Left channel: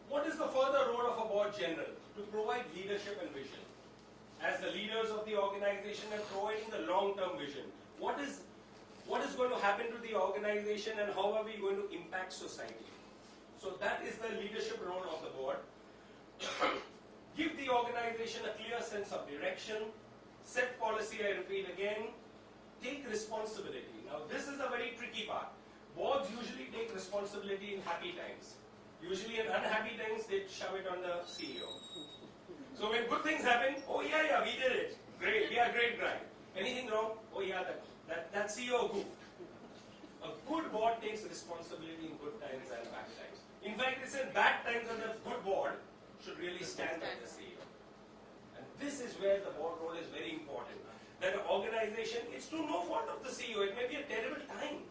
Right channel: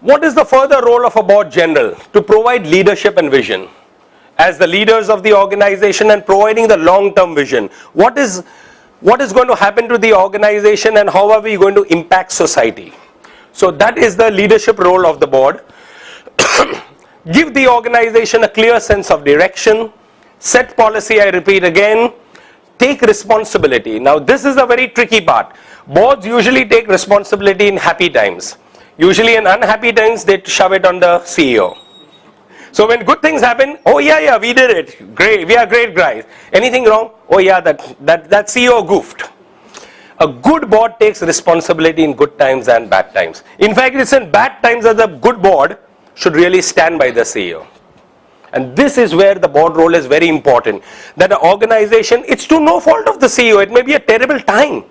What is the further role of a board general? To provide leadership and vision. As the leaders of the organization and providing the long-term vision. What is going to happen to the organization and how are we going to impact society? So that is the leadership role of the board. Give the organization a clear sense of direction. Set policy, I repeat again. Take responsibility. Now this is a very tricky part. Boards usually take responsibility in happy times. Usually in unhappy times, they shove it on the CEO. So when good things happen, oh yeah, we did it. Great, we are great guys. Anything wrong? Oh yeah, that CEO goofed. A good board takes responsibility in good times and bad times. In fact, it's in bad times that the good board should really stand by the CEO. And this is where the board role is very important. That an organization, it's to no fault of the CEO. It may be a terrible time.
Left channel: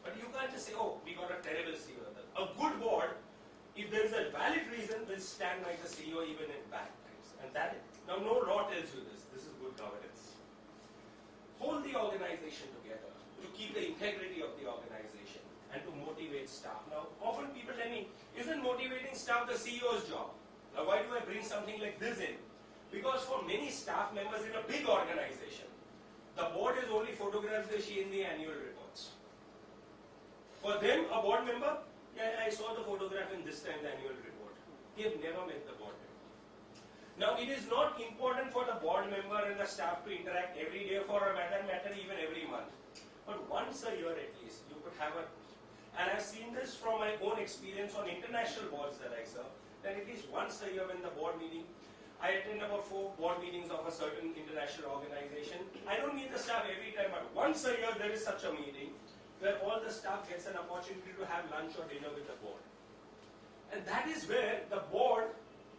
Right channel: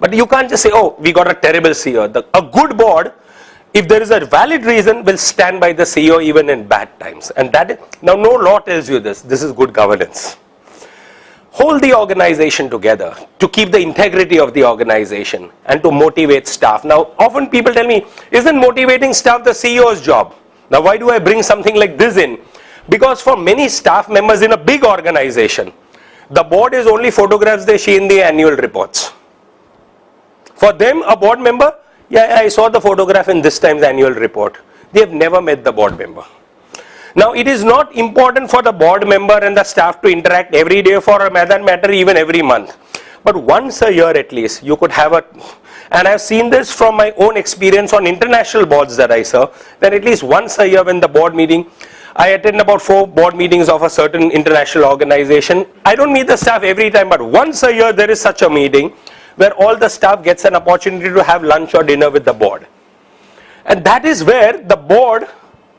But you can't just say, oh, we got a terrible CEO. A good board, if there is a valid reason, will stand by the CEO even in bad times. And that is, now no law tells you this. This is good governance. Hold the organization together to keep the integrity of the organization and to motivate staff. Now, often people tell me, isn't motivating staff the CEO's job? Now, why do I bring something like this in? Because for many staff members in a big organization, the board is only photographs they see in the annual reports. For them, a board member, yeah, I saw the photograph in this time's annual report. They have never met the board member. Now, it is not important for the board member and the staff to interact every day, for that matter, even every month. But once a year at least, you could have and I've seen this from my own experience on international boards that I serve, that at least once a year when the board meeting, I attend about 4 board meetings of a certain international organization. I don't meet the staff every time, but once a year there is such a meeting where all the staff gets an opportunity to have lunch or dinner with the board. And that is where the board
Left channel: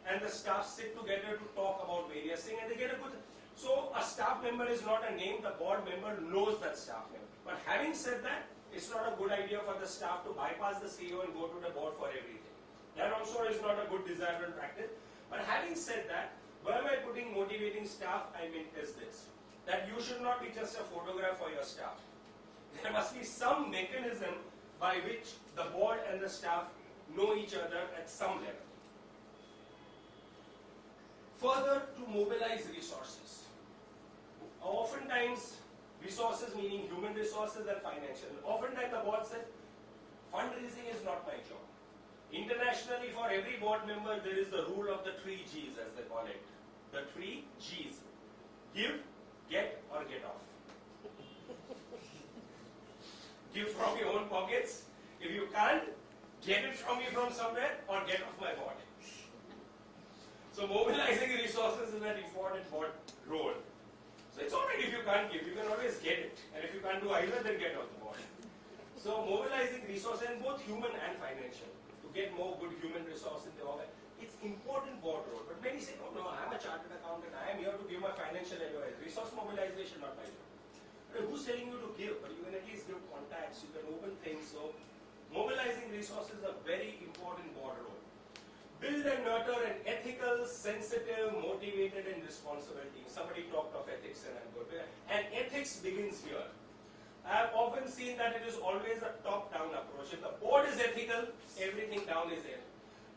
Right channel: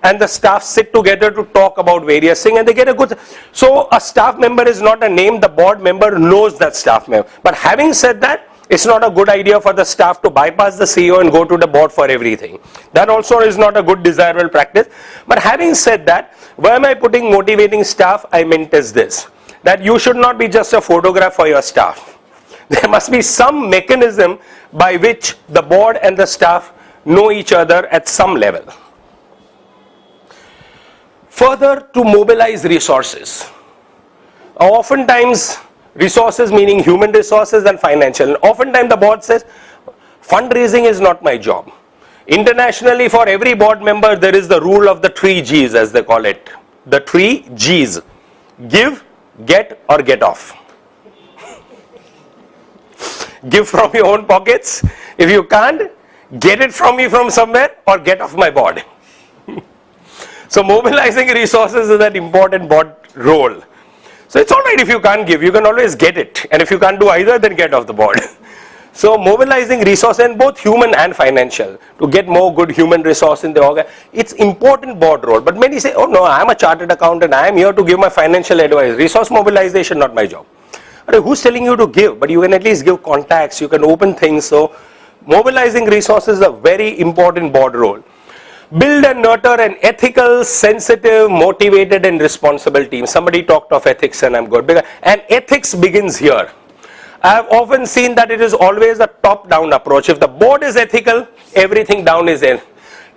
and the staff sit together to talk about various things, and they get a good, so a staff member is not a name, the board member knows that staff member. But having said that, it's not a good idea for the staff to bypass the CEO and go to the board for everything. That also is not a good desirable practice. But having said that, why am I putting motivating staff? I meant is this, that you should not be just a photograph for your staff. There must be some mechanism by which the board and the staff know each other at some level. Further, to mobilize resources. Oftentimes, resources meaning human resources and financial. And oftentimes the board says, fundraising is not my job. Internationally, for every board member, there is the rule of the 3 Gs, as they call it. The 3 Gs. Give, get, or get off. Give from your own pockets. If you can't, get it from me from somewhere or get off my board. So mobilizing resources is that important board role. So it's all right if you can't give, you can always get it. And if you can't do either, then get off the board. So mobilizing resources, and both human and financial, to get more good human resource in the organ, it's important board role. But many say, oh no, I'm a chartered accountant, I am here to give my financial advice. Resource mobilization, not my job. But who's telling you to give? But you can at least give contacts, you can open things. So mobilizing resources is a very important board role. Build and nurture an ethical, sensitive, motivated and responsible team. Somebody talked of ethics and I'm good. And ethics begins here. I have often seen that it is always a top-down approach. If the board is ethical, everything down is in.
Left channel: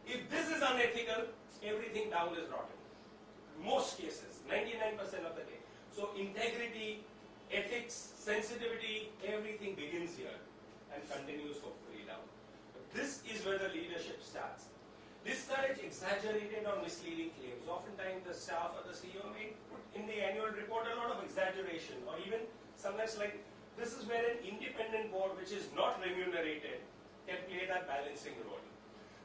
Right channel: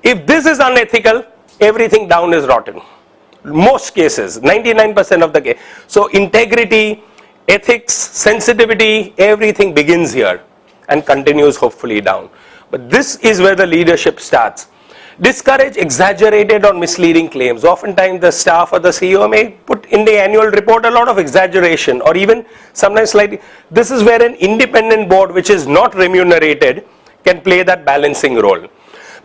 If this is unethical, everything down is rotten. Most cases, 99% of the case. So integrity, ethics, sensitivity, everything begins here and continues hopefully down. But this is where the leadership starts. Discourage exaggerated or misleading claims. Oftentimes the staff or the CEO may put in the annual report a lot of exaggeration or even sometimes slightly. This is where an independent board which is not remunerated can play that balancing role.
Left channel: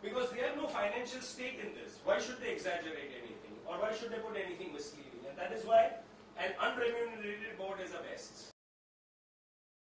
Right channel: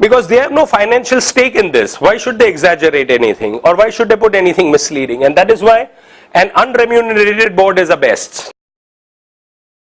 Because they have no financial stake in this. Why should they exaggerate anything or why should they put anything misleading? And that is why an unremunerated board is the best.